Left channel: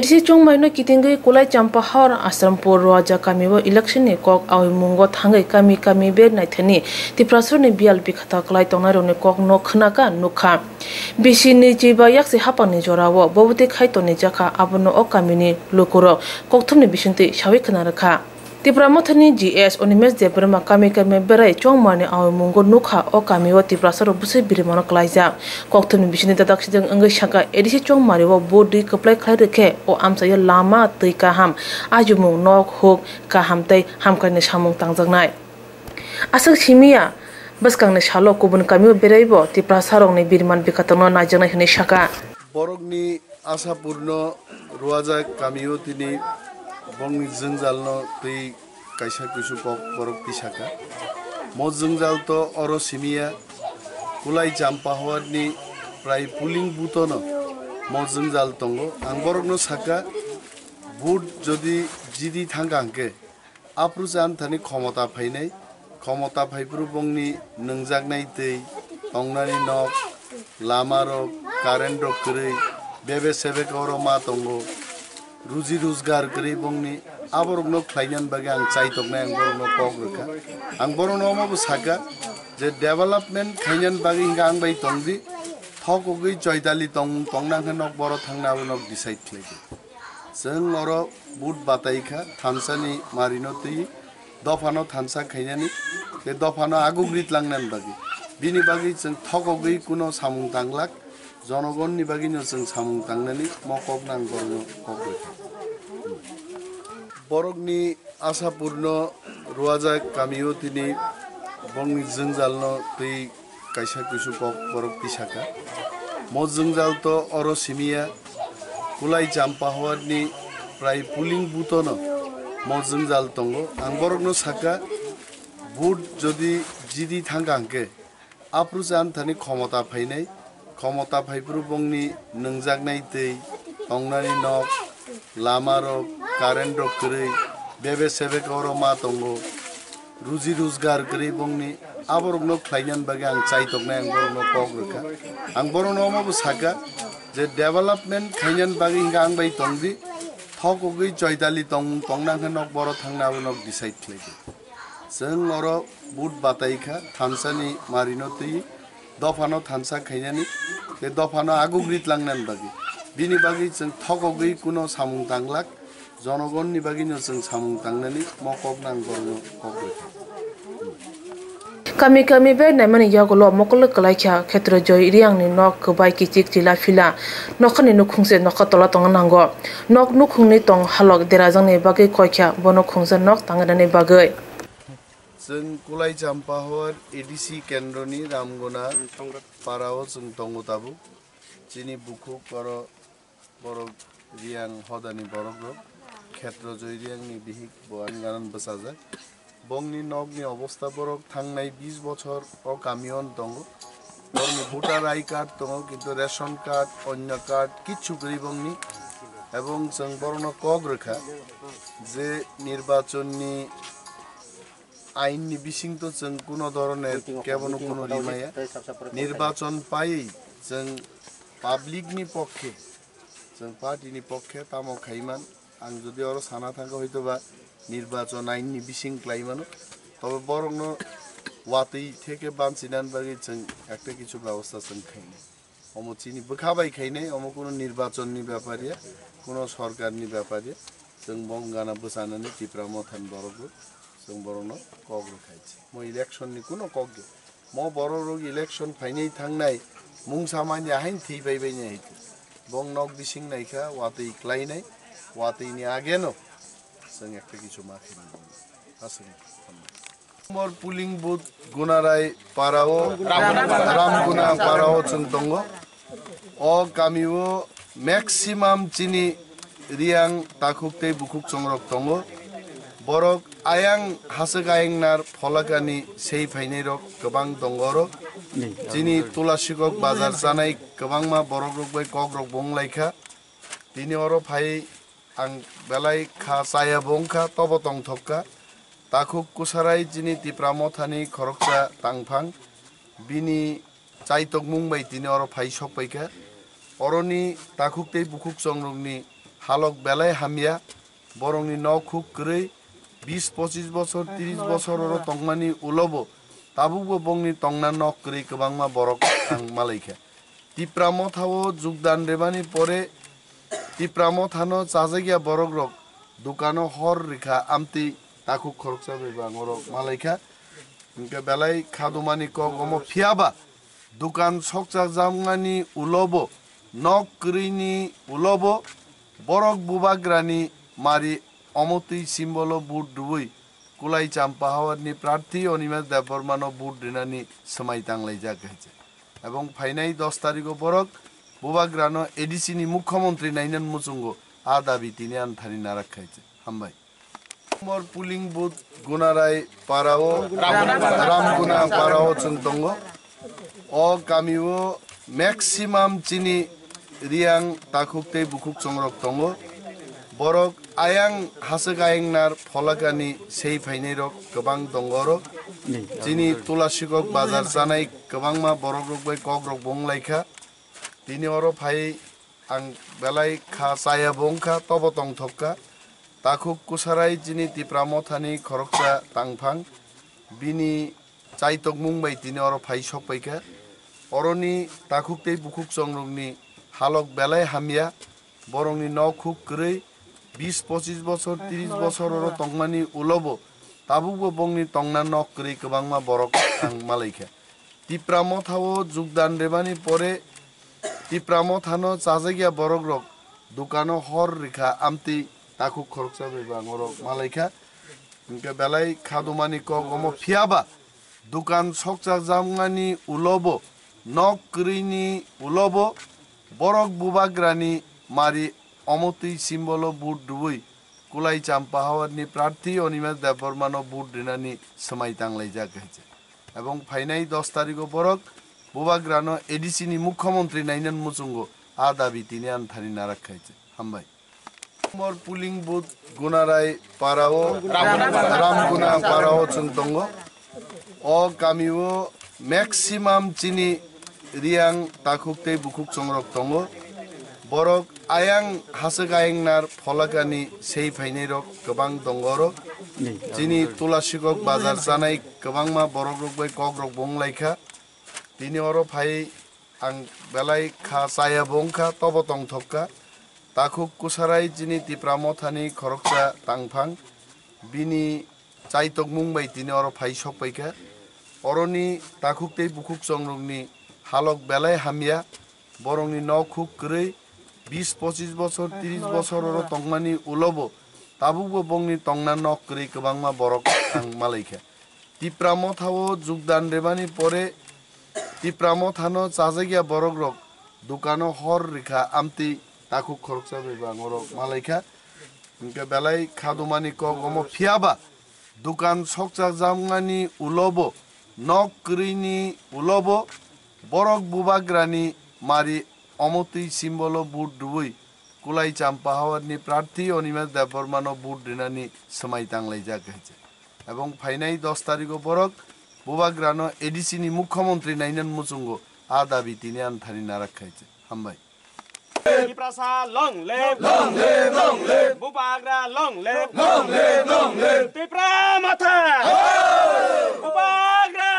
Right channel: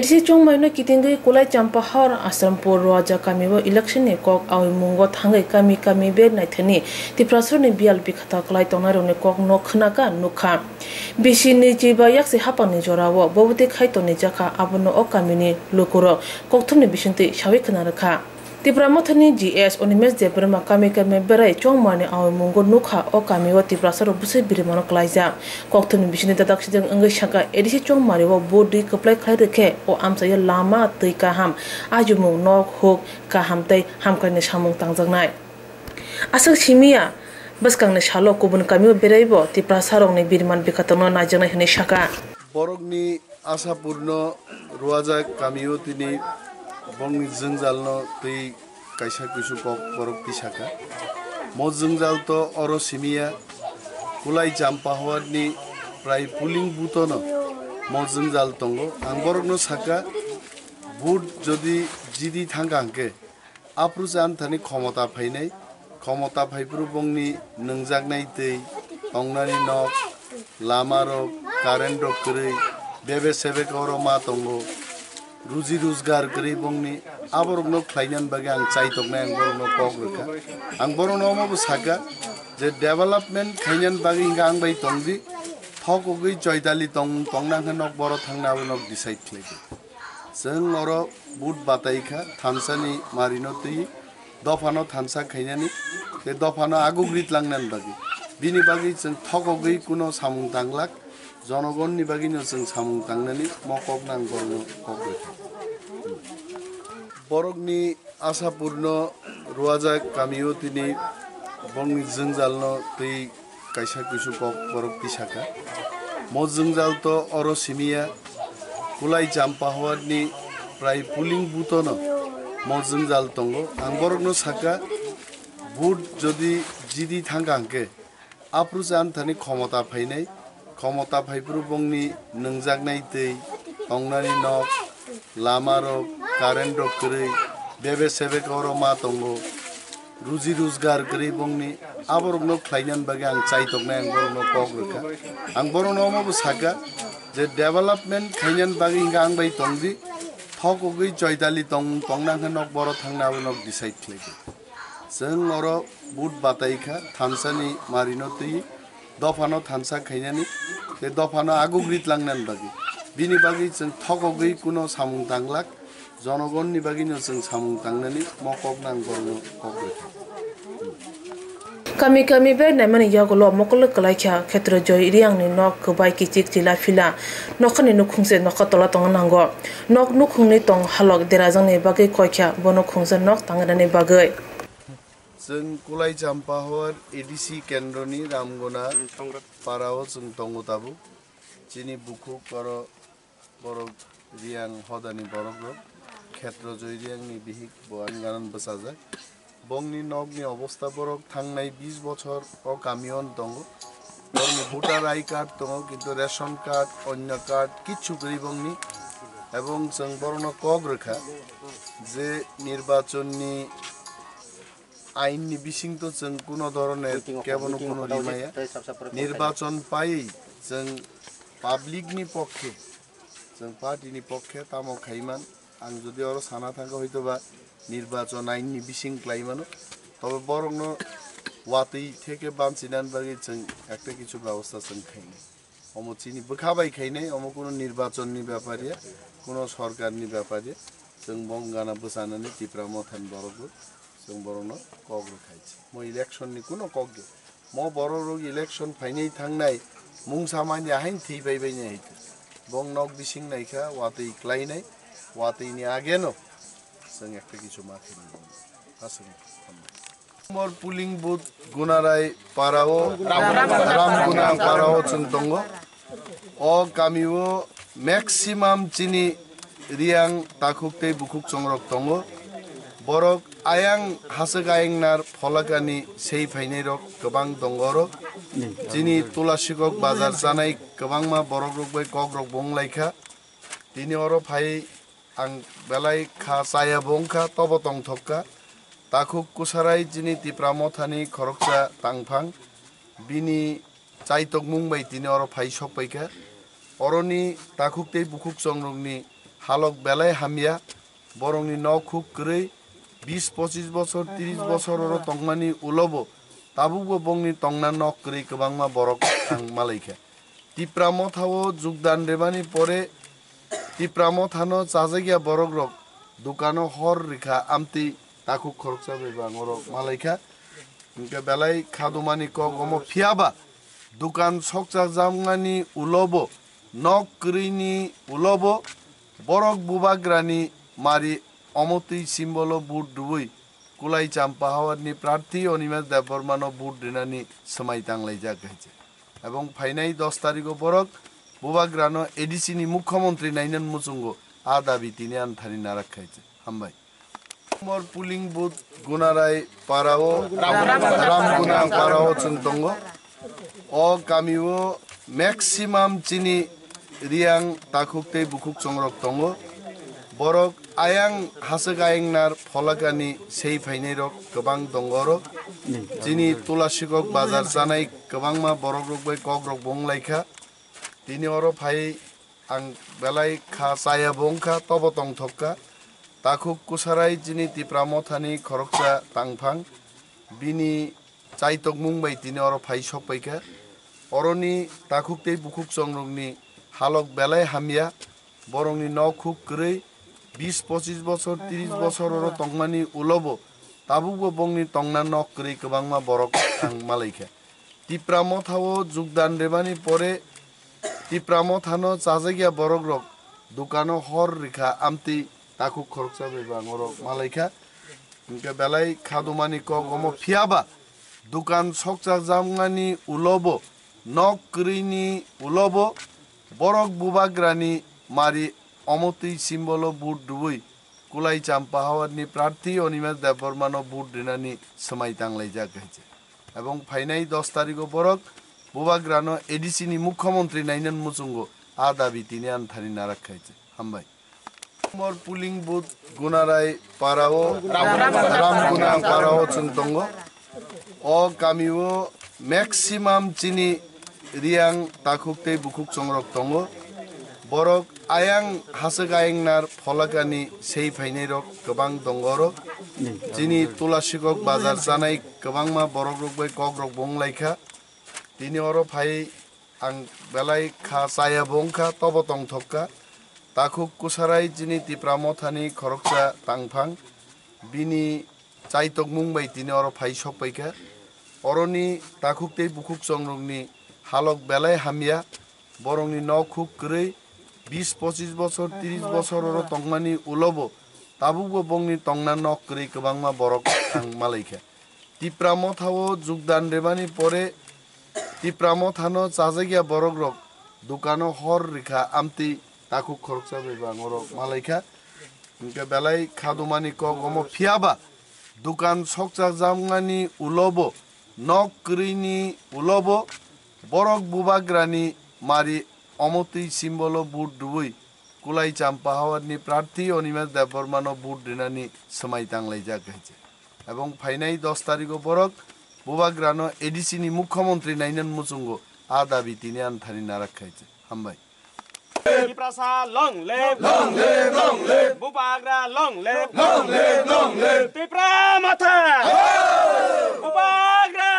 Disi chung mai no kitingai kulai champahar Asrampur Raja kami wa election ni kok awi mungo thangai kami be nai thani tiprasur ni BLP khata klai tonaro ni kok no khna ka nukha bisi ni jiba yakse hapang ni jorawo bobuti khai to ni jaka abono o kami ni lokoro kok thumni bisinti shawi khna rakha Tipra mothani GS onimes debrama kami berai chongmani awi mungo nukha o kami wa tiprasar busi birimano klaija kokthuni bisini dadak sidang angai shaka edisi chongmari wa bodi kaplai khlai rekhe o amsaya lama tei ka ham ajumung nok hok ka ham tei ham kaine samung tangjaknai asak simia baskang ne shalo kubun kami berai bo tiprasarong ni birman bikatano najanai hne shaka borokni asapurno ruaja kamiyo tini bongni jengjalno tei kaisa kisu kok borok tisaka mo jengjal to oro simia kulai jampa hawani prai puling butono mo jengjal tongo ang borokno saka bud jodi jidi thangangke aprujan thani khomota phainai khomota phaipru bongni nungjaknai tei tongnani nok lama rok current rok krei bebe sebe koro ma tongo Ruji Ruzgar kari bongni aborokno khlainan bage ang chaitoknai ang borokno kok rekha ang borokno mo saka je development khainan bage hinga ang bai tongdi thokogui joydali tongnang nok boro thangna nok decide khlaibi jeng oro bud bataikha thamsani marino tui dofano thamsa khainani te dofano agugrit langnan bage bini bage jeng thokogui kuno samung tanglak জনগণনি বাগিনো जों सामुं तांनानै मकक नां बरनो कक बरकनि आसापुरन रुवाजा कामियो तिनि बंनि जोंजालनो तै कायसा किसु कक बरक तिसाका म जोंजाल तो अरो सिमिया कुलाइ जाम्पाहवानि प्राय पुलिं बुतनो म जोंजाल तंगो आं बरकनो साका बुट जदि जिदि थांगांके आप्रुजान थानि क्षमता फाइनाय ক্ষমতা ভাইপ্রু বংনি নংজাগনাই তৈ তংনানি নক লামা রক কারেন্ট রক কरै বেবে সেবে কর মা তঙ্গো রুজি রোজগার কरै বংনি আবরকনো খ্লাইনান বাগে আং চাইতকনাই আং বরনো কক রেখা আং বরনো মবো সাকা যে ডেভেলপমেন্ট খাইনান বাগে হিंगा आं बाय तंगदि थकगै जयदालि तंनांखा नक बर थांनाबो नक डिसाइड खलायदि जों अरो बुट बाताइखा थामसानि मारिनो तै दफानो थानसा खाइनानि ते दफानो आगुग्रित लांनान बागि बिनि बागि जों थकगै कुनो सामुं तांलाक जनगणनि बागिनो जों सामुं तांनानि मकक नां बरनो कक kami be naimani yagolo mokol kalaikha khetra joy riang ni nok kubai ki chik chila phila nokhani nukhungse nokha tola tong nango nok nukhungni tong halok derajang ni bagai koikha bono khungsa nok tangani bagai जों कुलाइ जाम्पाहर ADC केन्द्रनि रामगना पाराव जों दंगताबु जिनि बुखु बर रियां हदानि बरग क्षेत्र जय रियांनि बिहिक बवान गानन बसाजा बंनि नगनि अवस्था बरक थांनाय 20 बछर अ कामियन दंग बरनि भोटार आई कार्ड दंग किन्तु रेशन कार्ड अन्य कार्ड किछु गैबंनि एवं जों बरनो कग रेखा जे निर्वाचननि आईननि बिसिं तो जों कुनो धरनेर केवनो कुनो रिमाया निर्वाचन पाई जों पाब्लिकनि पक्षे जों पार्टीनि पक्षे तामो खाइमान आं जदि अरो साना थांगा हयतोबा निर्वाचन आईननि बिसिं क्लाइमानो तबे बरंनो वातै थेके बानसिनान बागै जों एकटा किछु व्यवस्था जों खाइने अमो चिनि बखाबाय खाइने अमो कुनो निर्वाचननि व्यापारिया कुनो सरकारनि व्यापारिया जों बंगाना बसानानै तिप्रा मथान बरगो जों बरनो कग रखाइछि म इलेक्शन नि कुनो कग म बररो इलेक्शन फाइनै थांनाय मुं सामान्य हाइन थैबाय नै हित बं नक बिसिं नायखा वातै क्लाइनाय वातैनि आगेनो जों एकटा किछु माखिनि आसं मोर पुलिंग बुथ गुनाराय पाराओ रामगुना पाराओ जों दंगो अ कामिओ मैक्सिमाम चिनि रियां ताखुकते बुखुक संरक दंगो borok ayang hasek ayang nar pholakani sei phainai rok gobang dongoro jini tulasikok bazar janai gobangma borok rok bai kok rok bonglaikha tini oro phai ang belai kha chaya bongkha tobo tong thokka takhuk kusarai jini tipramothani khoroksa tangphang bini chaitok mungbai tini oro phai sokpaikha oroni takhuk tei bukhuk songrokni Hulk বেলায় হামিয়া বরংনি ন খুব করেই 20-25 বছর 30 বছরের তংমানি উলব তাবুবো বংনি তংনা knock করে গোबांमा বরক আং মালাইখা তিপ্রাম থাও যোগদান রেবানি পরে তিপ্রাম থানো চাজাগিয়া বরক রক দোকানো হর রেখা আমতি তাকু খরচা বেবা ngorok মালাইখা ইনকে বেলাই খাদুমানি ক গম ফিয়াবা দোকান সকচা জামগানি উলব নক করিনি উলব বরক বুবাগ্রানি মারি অমতি সিম্বল বুট ডুবই কুলাই চাম্পা হাওয়ারনি প্রার্থী অনিমেষ দেববর্মানো বুট দিনানি সময় তাংলাই জাগাইছে এবং ফাইনাই 10 তারিখ বরক বুবাগ্রানো এডিসিনি মুখ্যমন্ত্রী নাইনান মুচুঙ্গ আ দাবি তিনি আনথানি নারাখাইছে হামবাই মোর পুলিং বুথ গুনারাই পারাও রামগুনা পারাও চুংতঙ্গ ও কামিও ম্যাক্সিমাম চিনি রিয়াং তাকুকতে বুকুক চংরক তঙ্গ বরক আয়াং হাসক আয়াংনার ফলাকানি সেই ফাইনাই রক গোबां দঙ্গরক যিনি তুলাসিকক বাজার জানাই गोबांमा বরক রকবাই কক রক বংলাইখা তিনি অর ফাই আং বেলাই খা চায়া বংখা তব তং থক্কা তাকুক কুসারাই যিনি তিপ্রাম থানি খরকচা তাংফাং বিনি চাইতক মুংবাই তিনি অর ফাই সকপাইখা অরনি তাকুকতে বুকুক চংরকনি হালক বেলায় হামিয়া বরংনি ন খুব করেই 20-25 বছর 30 বছরের তংমানি উলব তাবুবো বংনি তংনা নক করে গোबांमा বরক আং মালাইখা তিপ্রাম থাও যোগদান রেবানি পরে তিপ্রাম থানো চাজাগিয়া বরক রক দোকানো হর রেখা আমতি তাকু খরচা বেবা ngorok মালাইখা ইনকে বেলাই খাদুমানি ক গম ফিয়াবা দোকান সকচা জামগানি উলব নক করিনি উলব বরক বুবাগ্রানি মারি অমতি সিম্বল বুট ডুবই কুলাই চাম্পা হাওয়ারনি প্রার্থী অনিমেষ দেববর্মানো বুট দিনানি সময় তাংলাই জাগাইছে এবং ফাইনাই 10 তারিখ বরক বুবাগ্রানো এডিসিনি মুখ্যমন্ত্রী নাইনান মুচুঙ্গ আ দাবি তিনি আনথানি নারাখাইছে হামবাই মোর পুলিং বুথ গুনারাই পারাও রামগুনা পারাও চুংতঙ্গ ও কামিও ম্যাক্সিমাম চিনি রিয়াং তাকুকতে বুকুক চংরক তঙ্গ বরক আয়াং হাসক আয়াংনার ফলাকানি সেই ফাইনাই রক गोबां দঙ্গরক যিনি তুলাসিকক বাজার জানাই गोबांमा বরক রকবাই কক রক বংলাইখা তিনি অর ফাই আং বেলাই খা চায়া বংখা তব তং থক্কা তাকুক কুসারাই যিনি তিপ্রাম থানি খরকচা তাংফাং বিনি চাইতক মুংবাই তিনি অর ফাই সকপাইখা অরনি তাকুকতে বুকুক চংরকনি হালক বেলায় হামিয়া বরংনি ন খুব করেই 20-25 বছর 30 বছরের তংমানি উলব তাবুবো বংনি তংনা নক করে গোबांमा বরক আং মালাইখা তিপ্রাম থাও যোগদান রেবানি পরে তিপ্রাম থানো চাজাগিয়া বরক রক দোকানো হর রেখা আমতি তাকু খরচা বেবা ngorok মালাইখা ইনকে বেলাই খাদুমানি ক গম ফিয়াবা দোকান সকচা জামগানি উলব নক করিনি উলব বরক বুবাগ্রানি মারি অমতি সিম্বল বুট ডুবই কুলাই চাম্পা হাওয়ারনি প্রার্থী অনিমেষ দেববর্মানো বুট দিনানি সময় তাংলাই জাগাইছে এবং ফাইনাই 10 তারিখ বরক বুবাগ্রানো এডিসিনি মুখ্যমন্ত্রী নাইনান মুচুঙ্গ আ দাবি তিনি আনথানি নারাখাইছে হামবাই Tiprasa long live Bubagra long live Tipra Matha Bubagra